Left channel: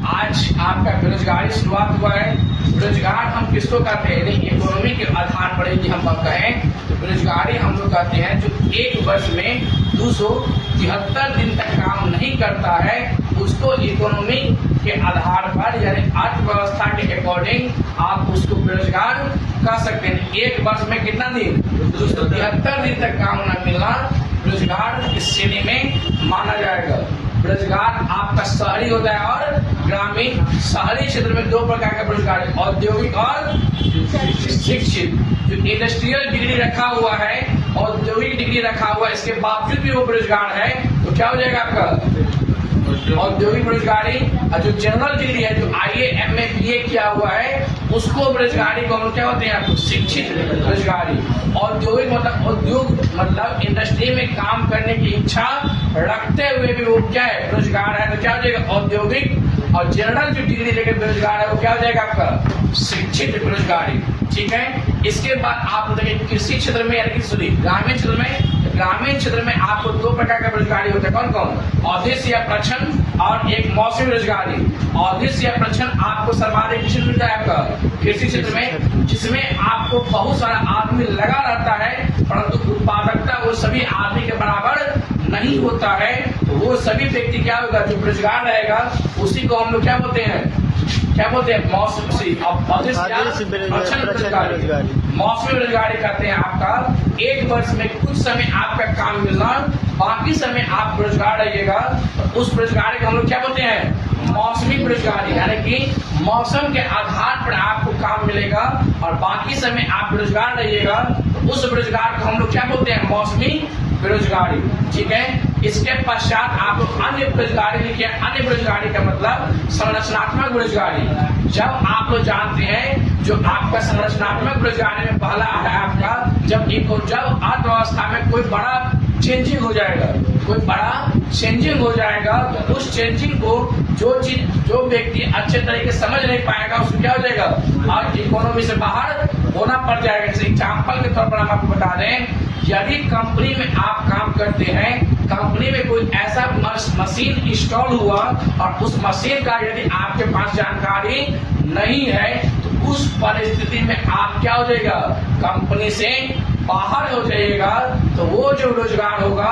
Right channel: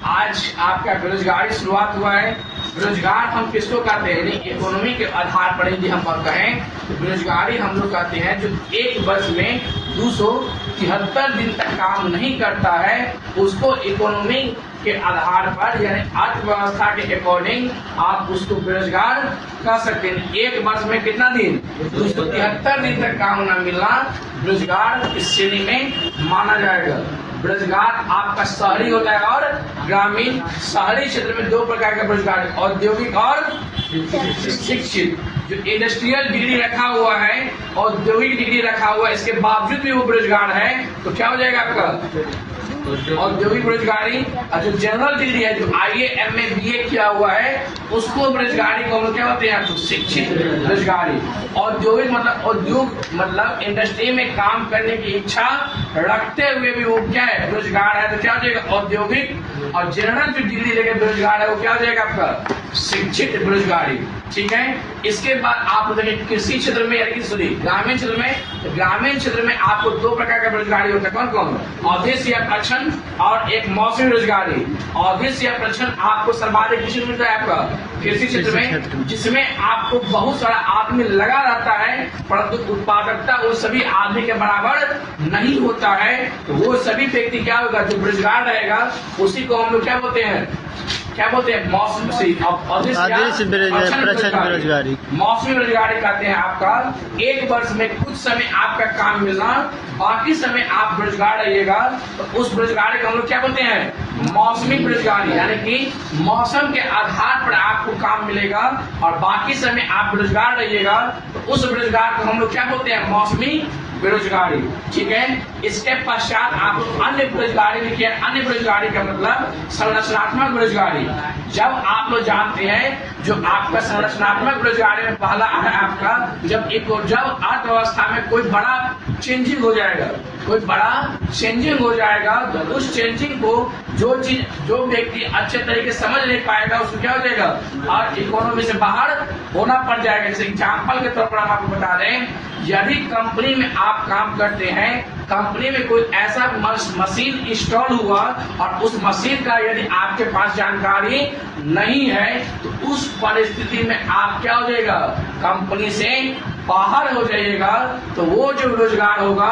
आज आपका बेरोजगारी शुरुआत हुआ है। बेरोजगार हम किसको कहते हैं, इकोनॉमी के आधार पर यदि हम कहें तो बेरोजगारी हम लोग कहते हैं जो एक वर्ष में 273 दिन तक काम नहीं करता है, उसको इकोनॉमी के आधार पर यानी अर्थव्यवस्था के अकॉर्डिंग आप उसको बेरोजगार कह सकते हैं। एक वर्ष में कितना दिन, 273 दिन तक काम न मिलना बेरोजगार इस श्रेणी में माना जाएगा। बेरोजगार आपका शहरी होता है और ग्रामीण। शहरी क्षेत्र में दो प्रकार का बेरोजगार है, औद्योगिक और शिक्षित। जो इंडस्ट्रियल डिग्री रखा हुआ है, औद्योगिक डिग्री रखा हुआ है, इसके बावजूद भी वो बेरोजगार है तो क्या हो जाएगा आपका औद्योगिक बेरोजगारी। और जो जनरल डिग्री है, जो IAA MA BA किया हुआ है, उसको बेरोजगारी को हम क्या होते हैं, शिक्षित बेरोजगारी। औद्योगिक मतलब उद्योग मतलब इंडस्ट्री में काम करने की इच्छा रखते हुए भी वो क्या है, बेरोजगार है तो क्या हो जाएगा औद्योगिक। और जनरल जो डिग्री लेकर बेरोजगार है वो क्या हो जाएगा आपका शिक्षित बेरोजगारी। ठीक है। इसके बाद आप कृषि क्षेत्र में यानी कि ग्रामीण क्षेत्र में, ग्रामीण क्षेत्र में आपको दो प्रकार का बेरोजगारी होता है। कौन कौन, अवधि या प्रक्षण और एक मौसमी बेरोजगारी। अवधि या प्रक्षण आपको सर्वाधिक किस मिलता है आपका कृषि क्षेत्र में, जिसमें आपको बहुत सारा आदमी लगा रहता है परंतु उत्पादकता वो सभी आदमी के बराबर नहीं होता है। तो वो सभी व्यक्ति क्या होगा, जो बेरोजगार रहेगा उसी को हम लोग क्या बोलते हैं, क्या बोलते हैं मौसमी बेरोजगारी। मौसमी बेरोजगारी कहते हैं आपका एक वर्ष में कुछ समय आपका काम मिलना, बाकी समय आप बेरोजगार रहिएगा तो उस बेरोजगारी को हम लोग क्या बोलते हैं मौसमी बेरोजगारी। यानी कि मौसम के आधार पर आपको काम मिलेगा और बाकी समय आप बेरोजगार रहिएगा तो उस बेरोजगार को हम लोग क्या बोलते हैं मौसमी बेरोजगारी। ठीक है। इसके पश्चात आप अन्य बेरोजगारी लिखे। अन्य बेरोजगारी का मतलब संरचनात्मक बेरोजगारी। जब आप लोग जानते हैं जो आपका संरचनात्मक बेरोजगारी में पहला है आपका जब अर्थव्यवस्था में कोई बड़ा चेंजिंग हो जाएगा, कोई बड़ा चेंजिंग हो जाएगा तो उस चेंजिंग को जो व्यक्ति अच्छे तरीके से समझ नहीं पाएगा उसको क्या हो जाएगा और इकोनॉमी से बाहर होना पड़ जाएगा। जैसे एग्जाम्पल के तौर पर हम आपको बता दें, यदि कंपनी में आप काम करते हैं, कंपनी में कोई ऐसा मशीन इंस्टॉल हुआ और उस मशीन का यदि आपके पास जानकारी नहीं है तो उस परिस्थिति में आप क्या हो जाएगा कंपनी से बाहर हो जाइएगा। तो वो जो बेरोजगार होगा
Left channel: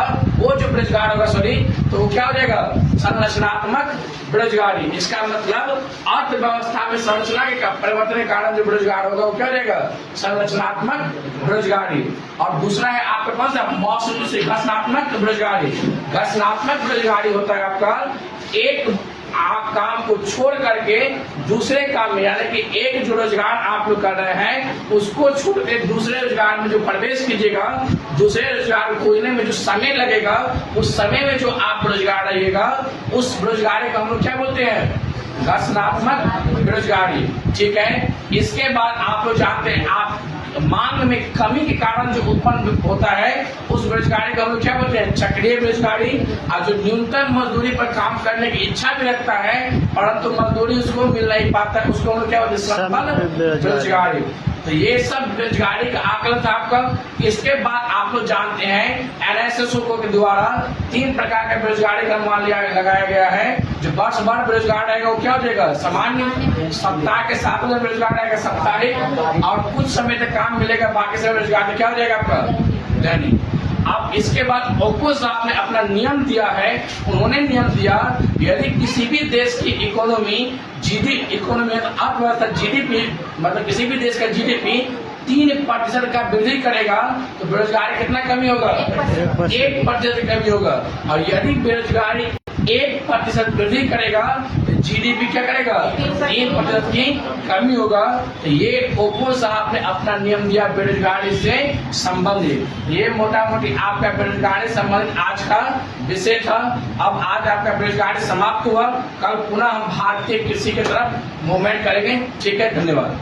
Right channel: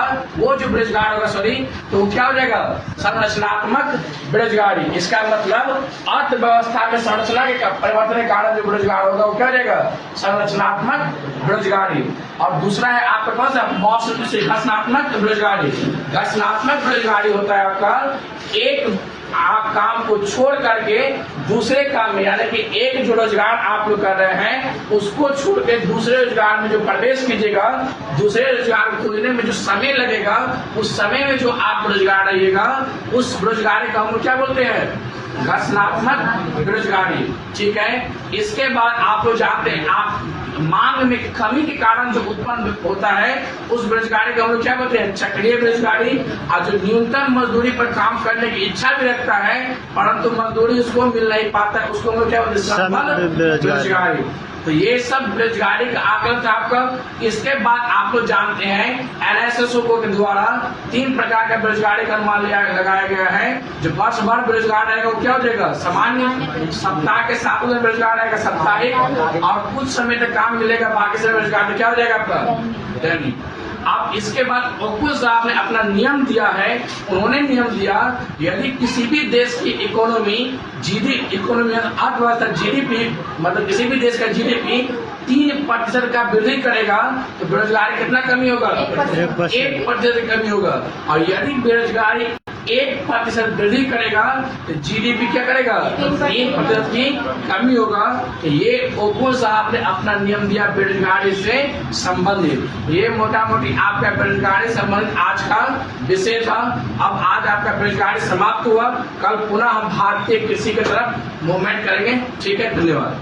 तो वो क्या हो जाएगा संरचनात्मक बेरोजगारी। इसका मतलब अर्थव्यवस्था में संरचना के परिवर्तन के कारण जो बेरोजगार होगा वो क्या हो जाएगा संरचनात्मक बेरोजगारी। और दूसरा है आपका कौन सा मौसमी घटनात्मक बेरोजगारी। घटनात्मक बेरोजगारी होता है आपका एक आप काम को छोड़ करके दूसरे काम में, यानी कि एक जो रोजगार आप लोग कर रहे हैं उसको छोड़ के दूसरे रोजगार में जो प्रवेश कीजिएगा, दूसरे रोजगार को खोजने में जो समय लगेगा उस समय में जो आप रोजगार रहिएगा उस बेरोजगारी को हम लोग क्या बोलते हैं घटनात्मक बेरोजगारी। ठीक है। इसके बाद आप लोग जानते हैं आप मांग में कमी के कारण जो उत्पन्न होता है उस बेरोजगारी को हम लोग क्या बोलते हैं चक्रीय बेरोजगारी। और जो न्यूनतम मजदूरी पर काम करने की इच्छा भी रखता है परंतु मजदूरी उसको मिल नहीं पाता है उसको हम लोग क्या बोलते हैं संबल बेरोजगारी। तो ये सब बेरोजगारी का आकलन था आपका। इसके बाद आप लोग जानते हैं NSSO के द्वारा 3 प्रकार का बेरोजगारी का अनुमान लगाया गया है। जो वर्ष भर बेरोजगार रहेगा वो क्या हो जाएगा सामान्य, सप्ताह के 7 दिन बेरोजगार रहेगा साप्ताहिक, और कुछ समय तक काम मिलेगा बाकी समय बेरोजगार क्या हो जाएगा आपका दैनिक। अब इसके बाद ओकुल साहब ने अपना नियम दिया है। उन्होंने नियम दिया यदि किसी भी देश की इकोनॉमी अर्थव्यवस्था GDP मतलब किसी भी देश का GDP 3% का वृद्धि करेगा तो बेरोजगारी कितना कमी होगा 1% कमी होगा। और यदि बेरोजगारी 1% वृद्धि करेगा तो GDP क्या करेगा 1% की कमी होगा। तो ये ओकुल साहब ने अपना नियम दिया बेरोजगारी से संबंधित। ये मोटा मोटी आपका बेरोजगारी संबंधित आज का विषय था। अब आज आपका बेरोजगारी समाप्त हुआ, कल पुनः हम भारतीय कृषि की तरफ मूवमेंट करेंगे। ठीक है, धन्यवाद।